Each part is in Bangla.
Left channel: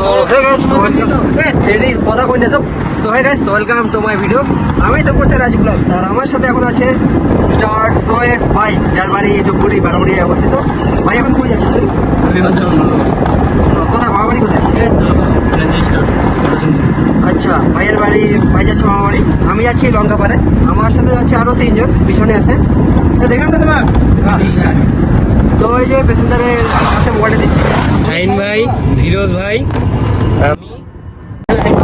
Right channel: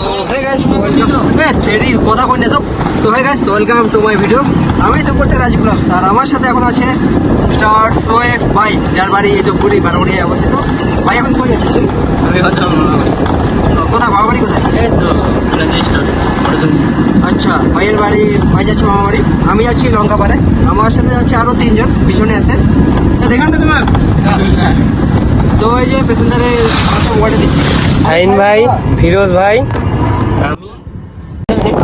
তো হে গাইস কথা কই না তো hey guys welcome to my video. আমি তো করতে রাজীব ব্লগ আর আমার সাথে এখন আছে স্টার সোয়েফ ভাই, যার বাড়ি এই ধূপগুড়ি বারোয়ারিয়ায় অবস্থিত। ভাই এখন কই যাচ্ছেন? আমি হচ্ছে কোথায় বাবা বাড়ি কোথায়? আচ্ছা, ভাইয়ের বাড়ি, ভাই যাচ্ছে মামা বাড়ি, আমি যাচ্ছি লঙ্কাপাড়ে। আমার সাথে যাচ্ছে আরো 3 জন পিছনে আছে। দেখেন তো তোমার তো ওই যে প্যাসেঞ্জারে মোবাইলটা দিচ্ছি আইন ভাই, ফিরোজ ভাই।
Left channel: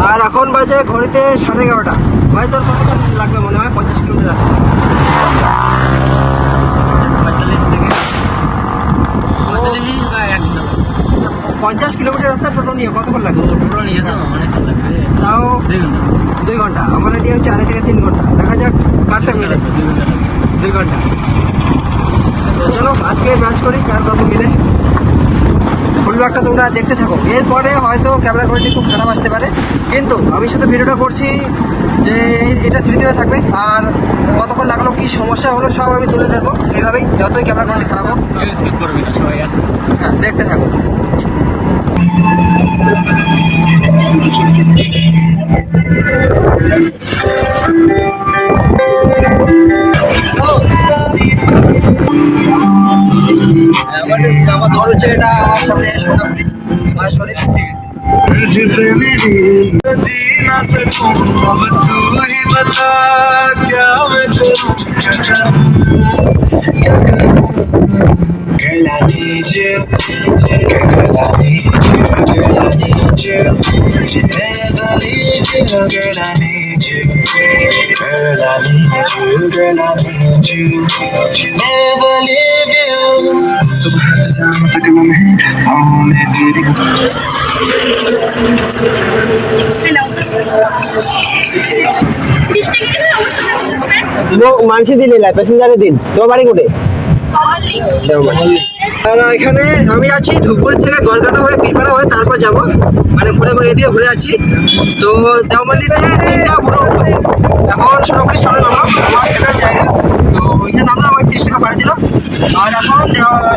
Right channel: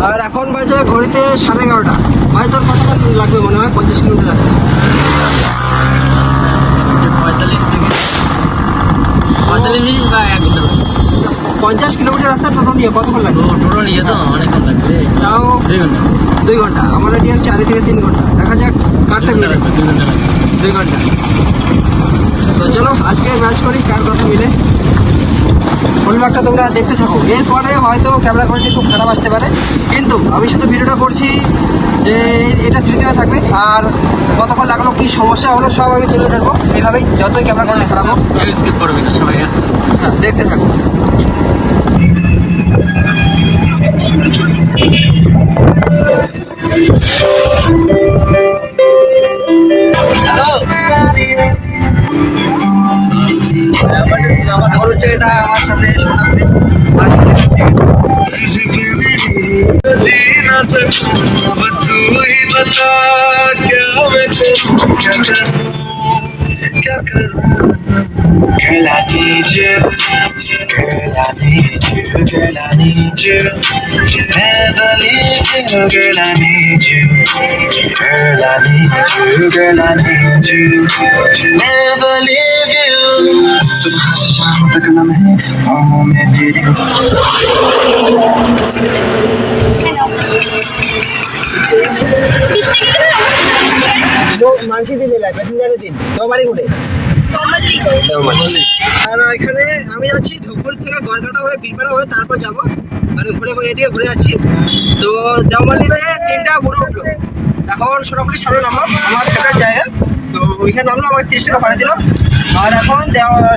আর এখন বাজে ঘড়িতে 11:30। ভাই তোর কতক্ষণ লাগবে মনে হয়? 50 কিলোমিটার রাস্তা। 50 কিলোমিটার রাস্তা টোটো নিয়ে কতক্ষণ লাগবে? তাও 2 ঘন্টা। আমার এটি হচ্ছে 2.5 থেকে 3 ঘন্টা। দেখা যাক কারটা মিলে। 2 ঘন্টা। তো চলো আজকে ম্যাচ করি কার কথা মিলে। ফুল ব্লগটা তোমরা দেখতে থাকো। এরপরে হয়তো ক্যামেরা কোয়ালিটি খুব খারাপ আসতে পারে, কিন্তু আমি শুধু ভিডিওটা করছি যে এটা স্মৃতি হয়ে থাকবে। আর কতক্ষণ লাগলো, কী সমস্যা হলো, সব আমি তুলে ধরবো এইভাবেই, যতই ক্যামেরা কোয়ালিটি খারাপ হোক। হ্যাঁ, দেখতে থাকো। আমার হচ্ছে এটা আমার সামনে সোনাপুরি আর সোনাপুরি जीना सकूं अब तू ही बता क्या मैं करूं क्या करूं girl I need you girl I need you girl I need you never leave you girl I need you girl I need you girl I need you never leave you सुबह से शाम तक लम्हे ख्वाबों में तेरी মানসি দিলে প্যাসেঞ্জারের দিন। তোমার বাড়ি কোটে? আর এখানে আমি যাচ্ছি ধূপগুড়ি থেকে গড়কাটা হয়ে বীরপাড়া হয়ে তারপর যাব, মানে ঘুরে ঘুরে এদিকে ঘুরে যাচ্ছি। তো দেওমালিতে 3টা বুড়ো উঠলো। এখন সোনাপুরির সামনে নামলাম, আমার থাকার জায়গা। তো ওইখানে নামলাম, আমাকে 30 টাকা ভাড়া দিল। আর এখন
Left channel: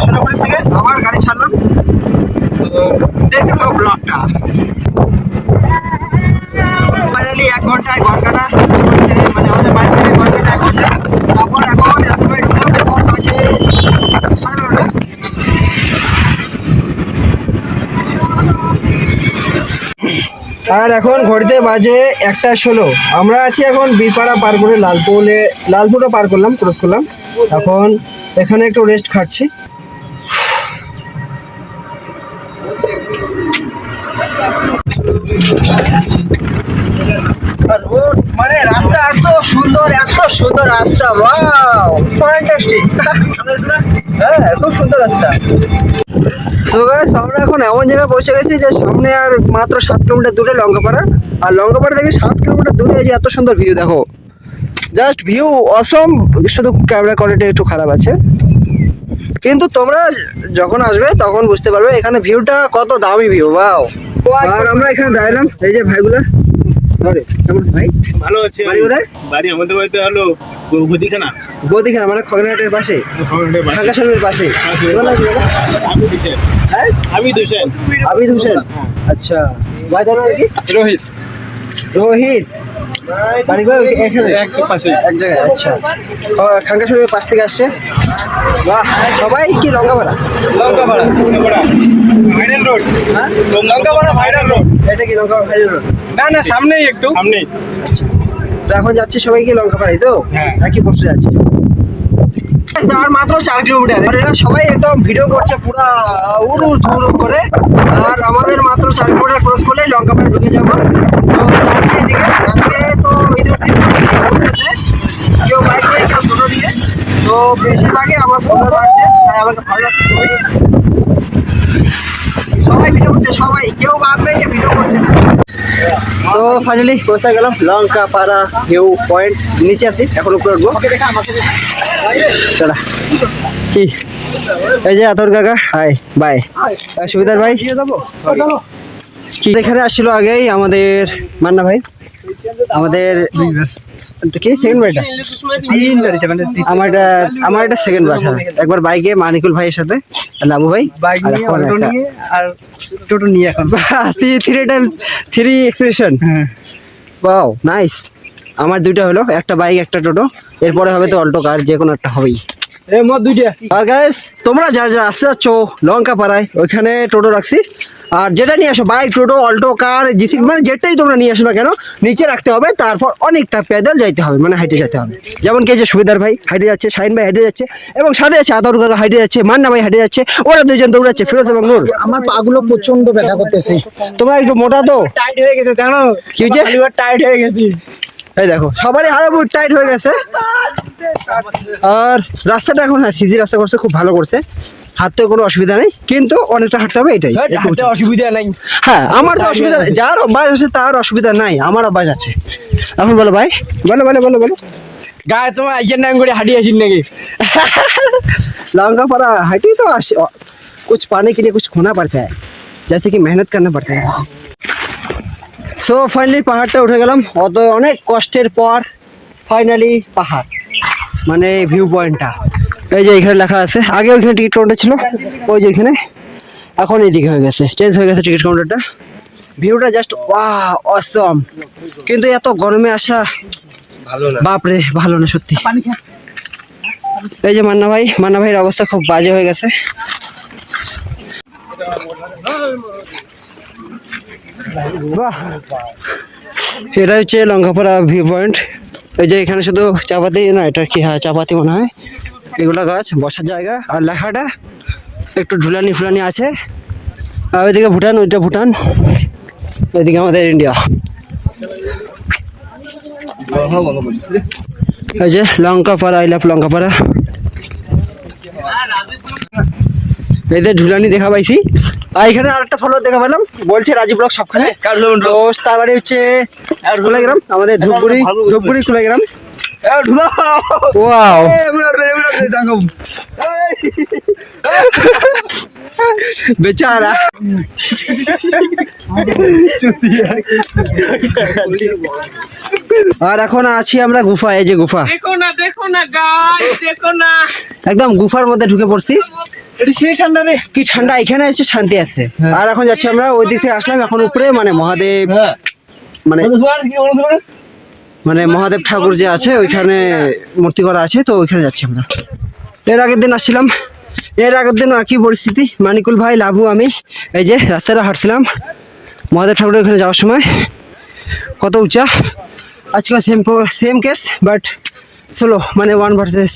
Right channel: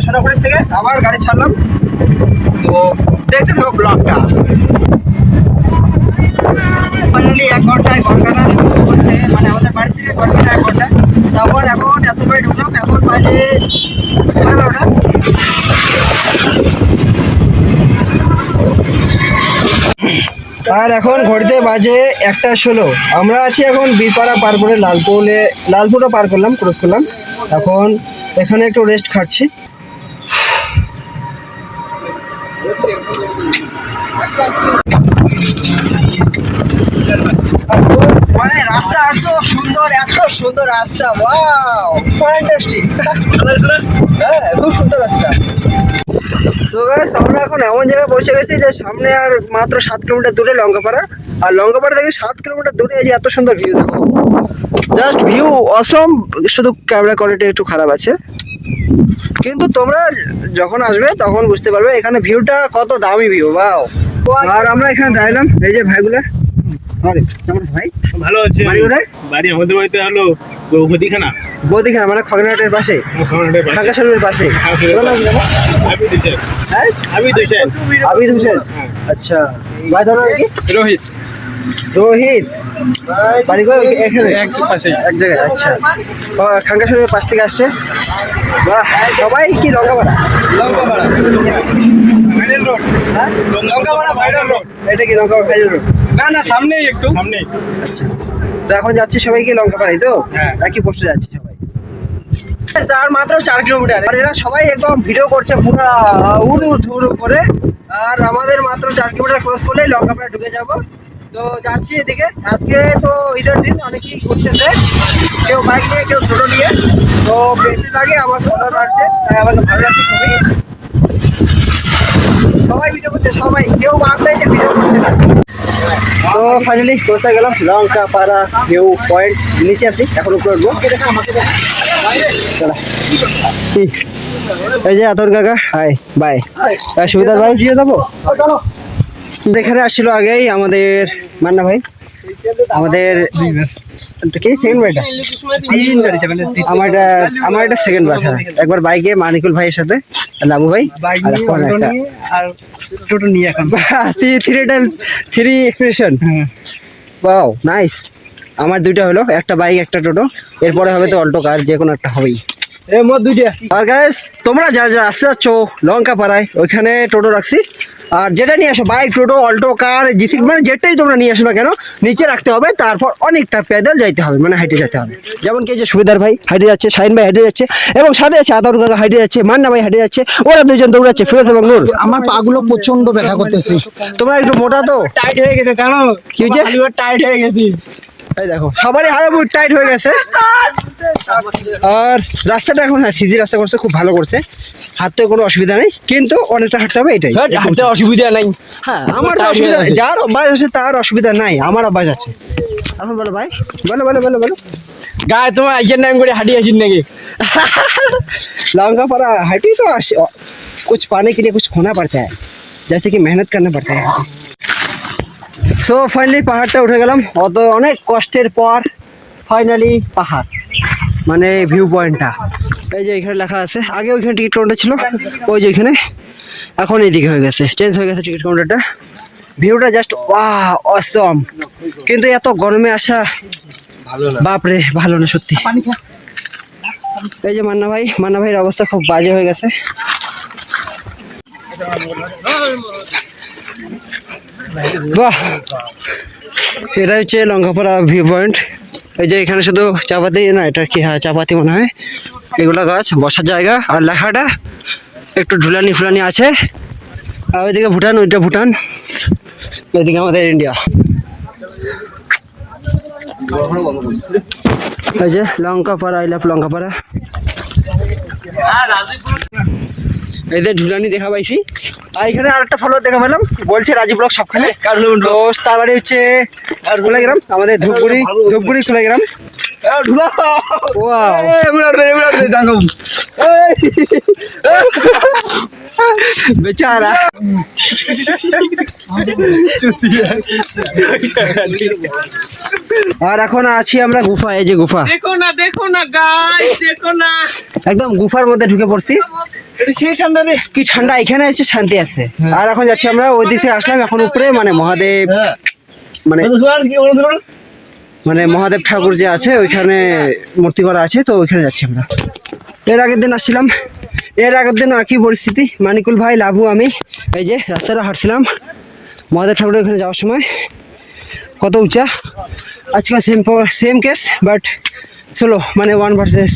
সোনাপুরি থেকে আবার গাড়ি ছাড়লাম। তো দেখতে থাকো ব্লগটা। ফাইনালি 1 ঘন্টায় গড়কাটা, মানে আমাদের বাড়ি থেকে গড়কাটা 1 ঘন্টা। তারপর এখন এত বাড়ি ঢুকলাম, এখন বাজে 12:30। আর এখন ঘড়িতে বাজে 1:16। আমরা আছি এখন বীরপাড়া পার করে লালপুরও পার করলাম, ক্রস করলাম। এখন এখানে একটু রেস্ট খাচ্ছি। মানে রাস্তা এত সুন্দর রাস্তা, ওয়াও ফ্যান্টাস্টিক। হ্যাঁ, খুব সুন্দর রাস্তা। সো গাইস, আমরা এখন এমন জায়গায় পৌঁছে গেছি যে সামনে আর মাত্র 7 কিলোমিটার দূরে লঙ্কাপাড়া। আর লঙ্কাপাড়া থেকে 7 কিলোমিটার দূরে এই যে এত সুন্দর ভিউ, দেখো জাস্ট ভিউ অসম। শুধু ক্যামেরা কোয়ালিটি একটু খারাপ আছে, কিন্তু তোমরা যখন আসবে তখন বুঝতে পারবে এখানে ভিউটা কত দামি ভিউ। ওয়াও। আর আমরা এখানে দাঁড়ালাম, এই যে ভাইগুলা। আরে কেমন ভাই? ভালো আছে। বাড়ি কোথায়? বাড়ি আমাদের বাড়িতে হলো গদিখানা মানে খগনাটের পাশে, খাঙ্কাশালের পাশে। হ্যাঁ, আবিদ হোসেন। আচ্ছা, ভাই তোমার কি? রোহিত। বাড়ি এখানে এক জায়গায়। আচ্ছা, খাঙ্কাশালের পাশ থেকে আসছে। বাহ, সবাই কি লঙ্কাপাড়া? Viral road. হ্যাঁ, লঙ্কাপাড়া ভাইরাল রোড। এটা কি লঙ্কাপাড়া ভাইরাল রোড? না, সামনেই একটু সামনেই। আচ্ছা, তো এখন যাচ্ছি সবাই কি লঙ্কাপাড়াই? তো একই পোস্টে যাচ্ছি। আর মাত্র 4 কিলোমিটার। আর এরা সবাই একদম ভিডিও করছে পুরা উড়ু করে। আর আমাদের মাত্র 4 কিলোমিটার ক্রস করলেই লঙ্কাপাড়া ঢুকে যাবো। তো যাচ্ছি এদিকে। আজকে তো ঈদের দিন ঘুরতেছে, কেউ বাইক নিয়ে, কেউ টোটো নিয়ে। তো বেশিরভাগই আমার ফোন বাড়ছে, তাই আমাকে ভালো লাগছে খুবই। সবাই ভিডিও করছে, সবাই, কেউ বাদ নেই যে ভিডিও করছে না। তো ফাইনালি কোথায় গেলাম? Lankapara view point. নিচে আছি, এখন উপরে উঠবো। কি এই যে আতর কাকা, হাই বাই। সুবিধার ভাই এখানে আসছিল আগেই আমাদের মান্না ভাই, আমাদের কি সেকেন্ড বারটা, আমার এটা সেকেন্ড বার। হ্যাঁ, একবার বাইকে মানিকুল ভাইয়ের সাথে লাবু ভাই, আর এখন একটা টোটো নিয়ে এখন 3 এক্সপ্রেশন। Wow nice. আমার দুইটা হলো, একটা বাইক একটা টোটো, এরপরে হবে তো অল্টো কার, যে কোনো একটা হবেই। আর গাইস তোমরা যা যা আসতে যাচ্ছ লঙ্কা পাড়ায়, ওইখানে টোটো রাখছি, আর যেটা নিয়ে আসো বাইক টোটো অল্টো কার জিসি মানে যেটাই তোমরা নিয়ে আসো না কেন নিচে রাখতে হবে, তারপর অনেকটা পেদল যাইতে হবে, মানে হাইটে যেতে হবে। যেমন কি যে সুবিধার ভাই হাইটে যাচ্ছে, শাহিন ভাই হাইটে যাচ্ছে, এবং সাথে আছে আদার কাকা হাইটে যাচ্ছে, মান্না ভাই হাইটে যাচ্ছে, ওরা দুইজন দৌড়াচ্ছে, ফিরোজ এবং নূর। আমার পাগুলো প্রচন্ড ব্যথা করতেছে। তোমরা একটু মোটা তো, টাইট হয়ে গেছে জানো, কি হয়েছে? টাইট হয়ে গেছি। এই দেখো সবারই হাড় বুট টাইট হয়ে গেছে। আর রাস্তাটা এখন হ্যাঁ সিজি রাস্তা করছে, খুব ভালো করছে, হাঁটতে কোনো অসুবিধা নেই, কিন্তু অনেকটা হাঁটতে হবে এটাই। অসুবিধা নাই। হ্যাঁ আমার তো অসুবিধা নেই, যার অভ্যাস আছে তার অসুবিধা নাই, আমার অভ্যাস আছে। এখন বলো ভাই, বলো বলো বলো বলো। গায়ে তোমার আইসের নাম করে হাঁটি আসিন নাকি? लौंगा पड़ा हटी तो कुछ पाने के लिए कुछ खोना पड़ता है, जैसे कि मेहनत करना पड़ता है। সো ফাইনালি পাহাড়টা উঠে গেলাম, অত অনেক কষ্টের পর ফাইনালি পাহাড়, মানে ভিউ পয়েন্টটা। এই যে এখানে লেখা আছে, আগে ওইখানে টিকিট কাউন্টার ছিল, ওই যে এখানে, এখন এইদিকে হয়ে গেছে, চেঞ্জ হয়ে গেছে টিকিট কাউন্টারটা। ভিউটা জাস্ট ওয়াও অসম, কিন্তু এত গরমে আসা বাপরে ভালো না সত্যি। এই যে মান্না ভাইয়ের অবস্থা খুব বাজে হয়ে গেছে। বাহ, এটা হচ্ছে লঙ্কাপাড়া ভিউ পয়েন্ট। এই যে এখানে শুধু চাপাতি না, এটা কি হ্যাঁ চাপাতি মনে হয়, এগুলা গাছ, বসার জায়গা, আর লেখাটা একটু ঢুলানি ফুলানি আছে। আর ওইদিকে ভুটান, ওইটা ভুটান, এদিকে আমাদের ইন্ডিয়া। এই যে লঙ্কাপাড়া, আই লাভ লঙ্কাপাড়া। এই যে ঝুলানি দেখা পাইছি, আর এখানে আরেকটা ফলোয়ার দেখা পেলাম, বলছে রাজীব ব্লগ সবখানে। তো তার বাড়ি হচ্ছে কুলাগ্রাম, আমাদের ধূপগুড়ি কুলাগ্রাম। ওয়াও বেচারা। আর এখন আছি আমরা গুফা, এই যে গুফা, দেখো না গাইস, দেখো না, একদম গুফার মধ্যে ঢুকে পড়ছি। এটা সেই ঠান্ডা রে, কি ঠান্ডা, এখানে হচ্ছে শান্তি আছে। আর এখন যাচ্ছি আমরা ওই দিক থেকে আসলাম, এখন উপরে মানে মহাদেব, মানে মহাদেব ঠাকুর যে আছে ওইখানে মূর্তি করা আছে, তো ওইখানে যাচ্ছি আমরা। এর আগের দিন আসছিলাম, এর আগের দিন একই পরিস্থিতি, মানিকুল ভাই, লাভু, আমি এই যে রাস্তাটা হাঁটছিলাম মহাদেব ঠাকুরের ওখানে যাওয়ার সময়, কত উঁচা। আজকে সেম কেস, বাট চলো মানে 1 ভার্সেস।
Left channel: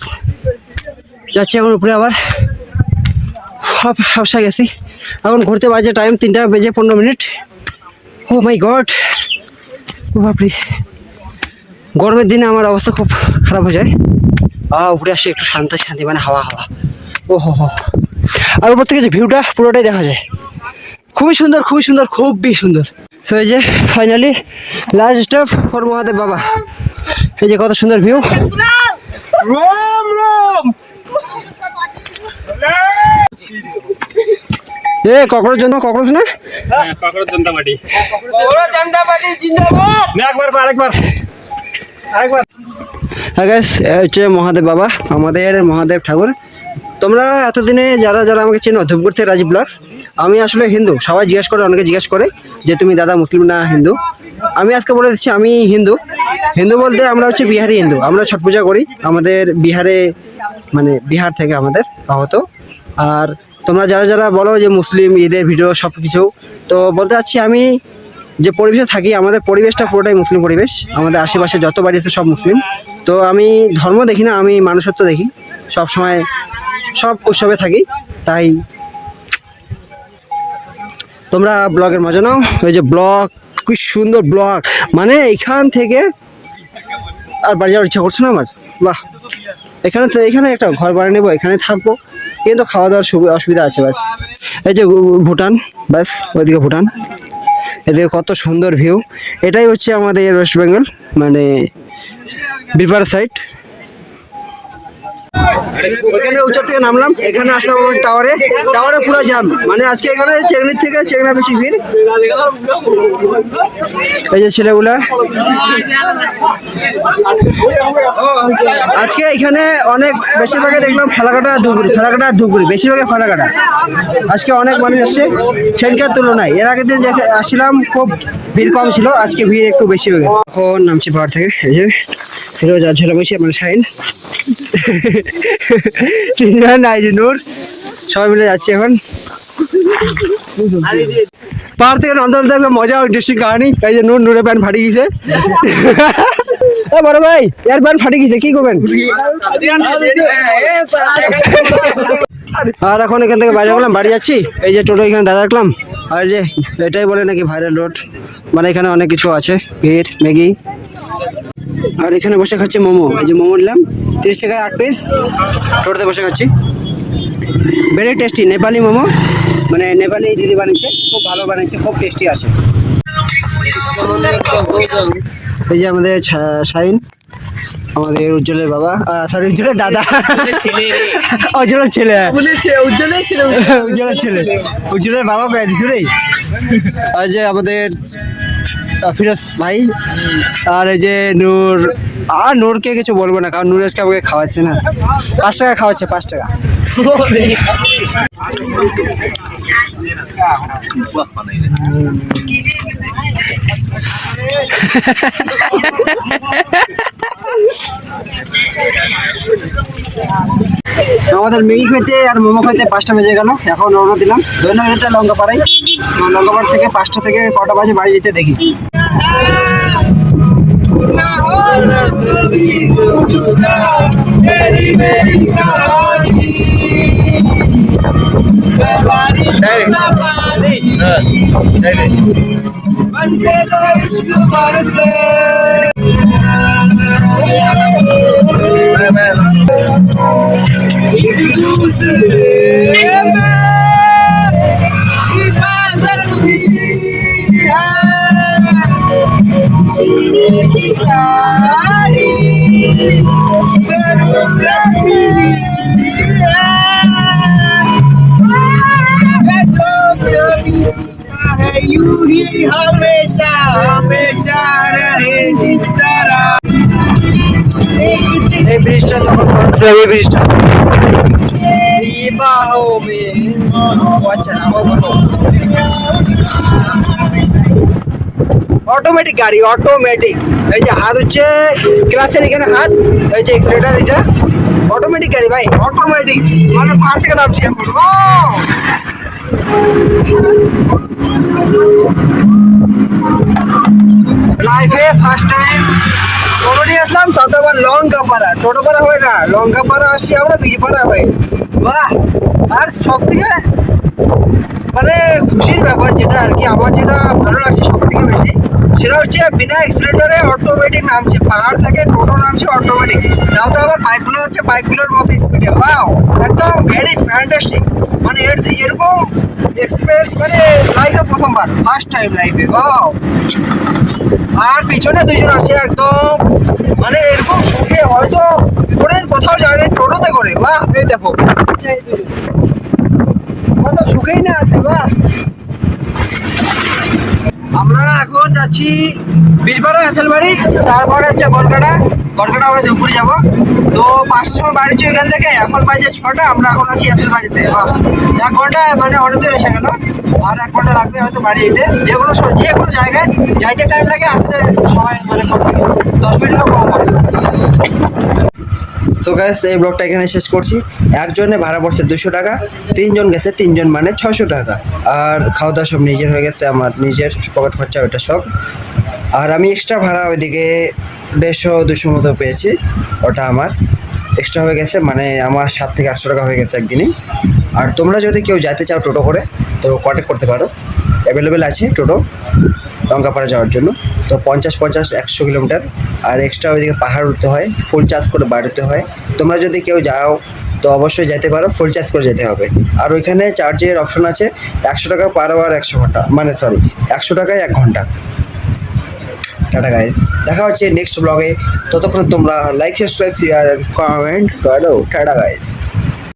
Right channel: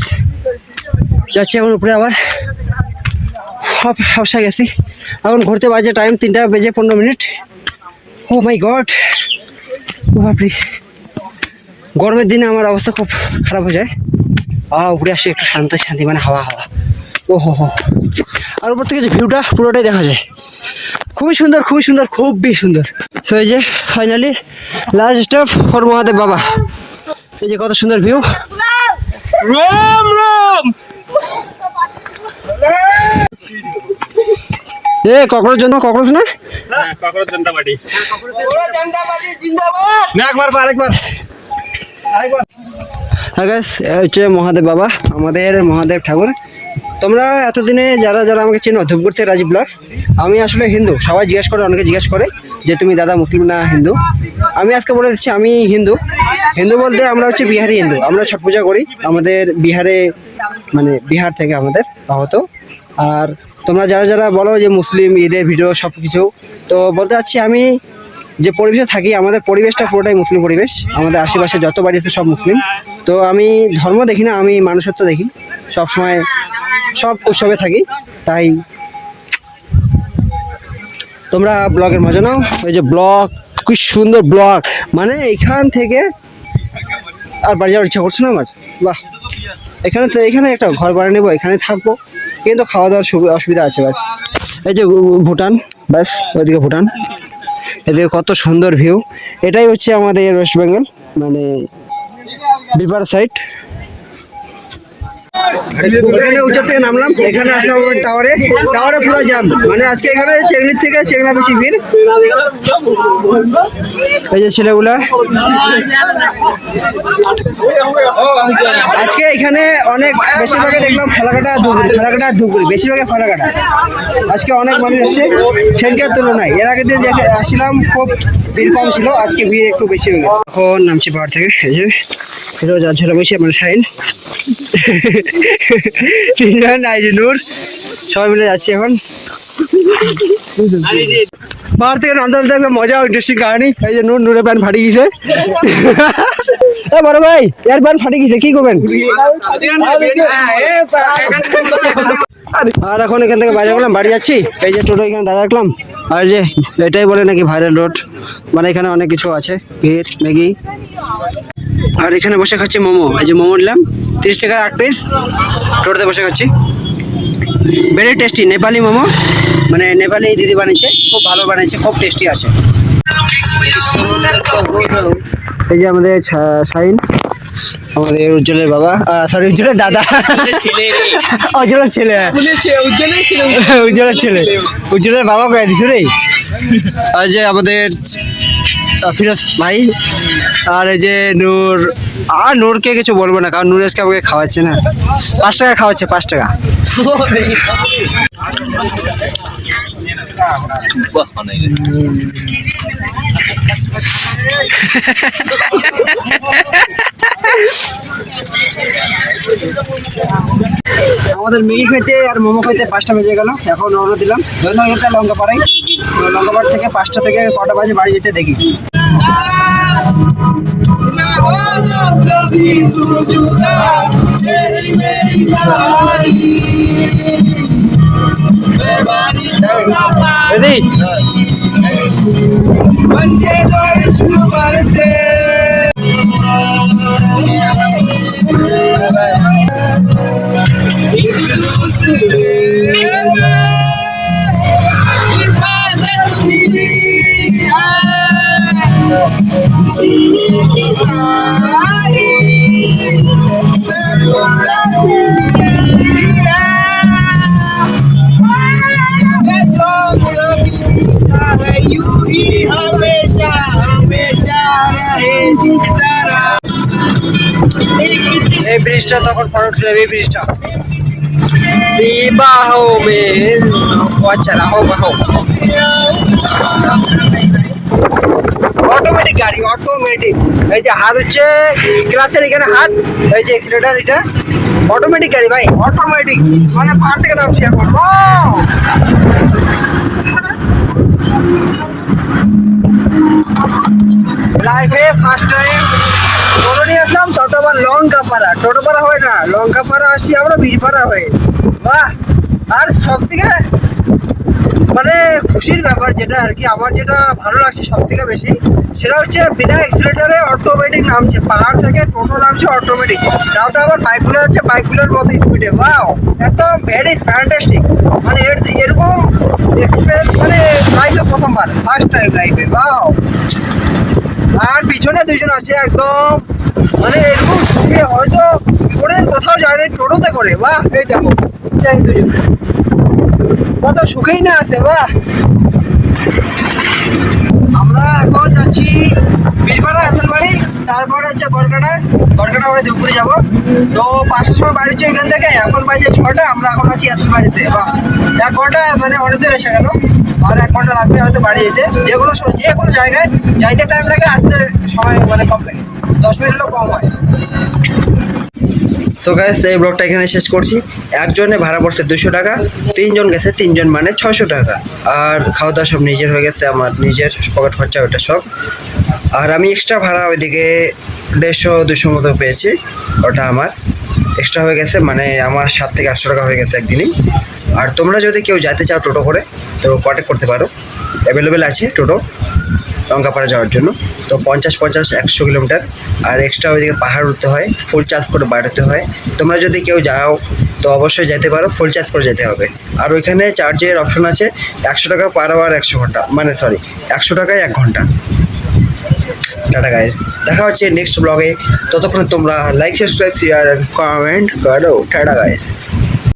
যাচ্ছি এখন উপরে, আবার হাফসা গেছি। এখন ঘুরতে বাজে টাইম 3:15। ও মাই গড, বাপরে, গরমের দিনে আমার অবস্থা খুব খারাপ হয়ে যায়। উপরে আসি একটু শান্তি, মানে হাওয়া। ও হো, আর উপর থেকে যে ভিউটা পুরোটাই দেখা যায়, খুবই সুন্দর, খুবই সুন্দর। সো এই যে finally last stop for Mahadev বাবা। এই যে কত সুন্দর ভিউ। এ ককরোচ না, হচ্ছে মহাদেব বাবা, আমাদের মহাদেব ঠাকুর। তোমরা এতদিনে যারা আমাকে চেনো, ধূপগুড়ি থেকে রাজীব ব্লগ। আমি আসলে হিন্দু, সবাই অনেকে জিজ্ঞেস করে যে তুমি দাদা মুসলিম না হিন্দু। আমি আজকে বলে দিচ্ছি আমি হিন্দু বলতে আমরা হচ্ছে বিহারি হিন্দু। আমরা ছট পূজা করি আমাদের বিহারে, মানে বিহার থেকে আমাদের আহত। আর তোমরা যারা বলো যে মুসলিম ঈদের ভিডিও সব কিছু, তো বলতে চাচ্ছি আমি যে পরিবেশে থাকি, আমাদের পরিবেশটা পুরোটাই মুসলিম পরিবেশ। আমাদের আশেপাশে যত বাড়ি আছে সব মুসলিম। তো আমি ধর্ম দেখি না, আমি মানুষত্ব দেখি, সব সময় সব উৎসবে থাকি। তাই তোমরা ব্লগের মজা নাও। ওই যে ব্লগ, কি সুন্দর ব্লগ, মানে এখান থেকে আর বাড়ি যাওয়ার ইচ্ছা করছে না আমার। বাহ, এখানে একটা ঘর বানিয়ে নেবো, এখানে থাকবো, কিন্তু খাওয়া দাওয়ার অসুবিধা আছে ব্যাস। এই যে ভুটান, ব্যাস ওইদিকে ভুটান, এদিকে কত সুন্দর ভিউ। এটাই হচ্ছে আমাদের ওয়েস্ট বেঙ্গল, মানে বিপার সাইড। এখানে উঁচা থেকে নামলাম, এখানে আসলাম আমার টাওয়ারে পুরো জ্যাম। মানে আজকে এখানে চেংড়ির থেকে চেংড়া বেশি ভিড়। এই যে ছেলেগুলা আজকে এখানে অনেক বেশিরভাগে দেখলাম ফালাকাটা ধুপগুড়ি বেশিরভাগে ফালাকাটা। আজকে অনেক মানুষ এসছে সেখানকার তুলনায়। এর আগের দিন যে আসছিলাম খুব ভিড় কম ছিল, আজকে ভিড় একটু বেশি হয়ে গেছে। এখন নামছি পাহাড় থেকে, এই যে রোজ আর ছেলে বসে মানে শাইন নাই যে নূর, সবাই মিলে যাচ্ছি এখন পাহাড় থেকে নামতে নামতে একটা মজা ইন্টারেস্টিং কাহিনী। এই যে নূরের প্যান্ট ফাটি গেছে। বড় ভাই এর প্যান্ট ফাটি গেছে, কি করবেন? আর এখন এখান থেকে বাইরে বললাম বাড়ি যাচ্ছি। এই যে টোটো এখানে দাঁড়া রাখলাম, আর যে এটাই বলে নাকি ভাইরাল রোড, মানে এখানে অনেক কিছু আছে, ভিড়, ম্যাগি। আর এখানে বসে খাচ্ছি মোমো। এই যে মোমো নিলাম 30 টাকার 8 পিস, টোটোতে বসে খাচ্ছি। ভেরি টেস্টি নেপালি মোমো, মানে নেপালি দিদি বানিয়েছে, খুব ভালো বানিয়েছে, খুব টেস্টি আছে। এই যে আমাদের শাহিন, আমাদের উজ্জ্বলের বাবা, সরি উজ্জ্বলের দাদা, উজ্জ্বলের ছেলে, উজ্জ্বলের বাবা কয়ে দিছো রে। আর যে আমাদের ফিরোজ ভাই, আর এই যে নূর। আর নূরকে কিছু বলবো না, কারণ নূর আজকে আমাকে খাওয়াচ্ছে না, 5 টাকা খাওয়াচ্ছে, 5 টাকা। আমাদের ম্যাগি খেতে আর মোমো খেতে 5টা বেজে গেল। এখন রওনা দিলাম ধন্যবাদ লঙ্কাপাড়ায়। লঙ্কাপাড় থেকে 5টা থেকে কটা বাজে বাড়ি যেতে দেখি। এই ব্রিজটা তখন পড়ছিল, এই ব্রিজটা বিবাহ মে আচ্ছা রাহো বাহো। অটোমেটিক গাড়ি, অটোমেটিক। এই যে হাত হচ্ছে ক্লাসের এখানে হাত, এই যে এক্সিলেটার, এটা অটোমেটিক গাড়ি ভাই, অটোমেটিক। মানে পাহাড় থেকে নামছি এখন। লাইফে ফার্স্ট টাইম টোটো নিয়ে আসলাম, তত আবার লঙ্কাপাড়া, টোটোপাড়া হয় না, লঙ্কাপাড়া আসছি আমরা বীরপাড়া হয়ে। বাহ! আর সব থেকে মানে খুশির ব্যাপার যেটা আর কি, আমার যেটা ভালো লাগছে সব থেকে বেশি, সেটা হচ্ছে বিনা এক্সিলেটারে অটোমেটিক নামছে পাহাড় থেকে, টোটো নামছে অটোমেটিক। তাও তো আবার বাইকগুলো হচ্ছে বাইকগুলোর মতো স্পিডে। বাও, একদম ভেরি ফ্যান্টাস্টিক। মানে এরকম এক্সপিরিয়েন্স মানে লাইফে প্রথমবার, ফার্স্ট টাইম লাইফে। বাও! আর পিছনে 2জন আছে একদম, মানে এরকম সুখে হয়তো কোনোদিন কোথাও যায় না টোটোতে করে। বাহ! এই দেখো কত সুখেই না আছে। বাহ! আমরা এখন যাচ্ছি বীরপাড়া এঁথেলবাড়ি, তারপরে হচ্ছে গড়কাটা হয়ে ধূপগুড়ি যাবো। তো 5টার সময় বাড়িছি ওইখান থেকে, এখন বাজে 6টা, আমরা এখন আছি এঁথেলবাড়িতে। বাহ! 1 ঘন্টা মানে অনেক দূর এসে গেল, আর 1 ঘন্টা লাগবে হয়তো বাড়ি যেতে। যে কোনো জায়গায় যাইতে টাইম লাগে, আসতে সময় মানে কম, 10 মিনিটেরও কম হয়। সো গাইস, এই ব্লগটা এখানে শেষ করছি। একজনে ভাড়া পড়ছে 200 টাকা, 3 জন গেছে, 3 জন মানে 600 টাকা। আর খাওয়া দাওয়া সব নিজের হয়ে গেছে, আমার নিজের পকেট খরচা ওটা সব। আর আমি এক্সট্রা ভাড়া ওইদিকে 150-200 মতো পেয়েছি, ওটা আমার এক্সট্রা হয়ে গেছে, মানে আমার 700 থেকে 800 টাকা হয়ে গেছে একদিনই। আর তোমরা যদি কেউ যেতে চাও টোটো করে, তো কন্ট্যাক্ট করতে পারো, অ্যাভেলেবেল আছে টোটো লঙ্কাপাড়া যাওয়ার জন্য। তো 50-100 কিলোমিটার, আর এক্সট্রা ওইদিকে পাহাড় উঠতে হয়, ফুল চার্জ করে বাড়তে হয়। তোমরা যদি কেউ যাও তো অবশ্যই যেতে পারো, ফুল চার্জ করে যেতে হবে। আর ওইখানে চার্জের অপশন আছে, 100 টাকা পার আওয়ার 100 ঘন্টা, মানে সরি 100 টাকায় 1 ঘন্টা। টাটা গাইস, দেখা হচ্ছে নেক্সট ব্লগে। ততক্ষণ তোমরা লাইক সাবস্ক্রাইব শেয়ার কমেন্ট করো। Tata guys.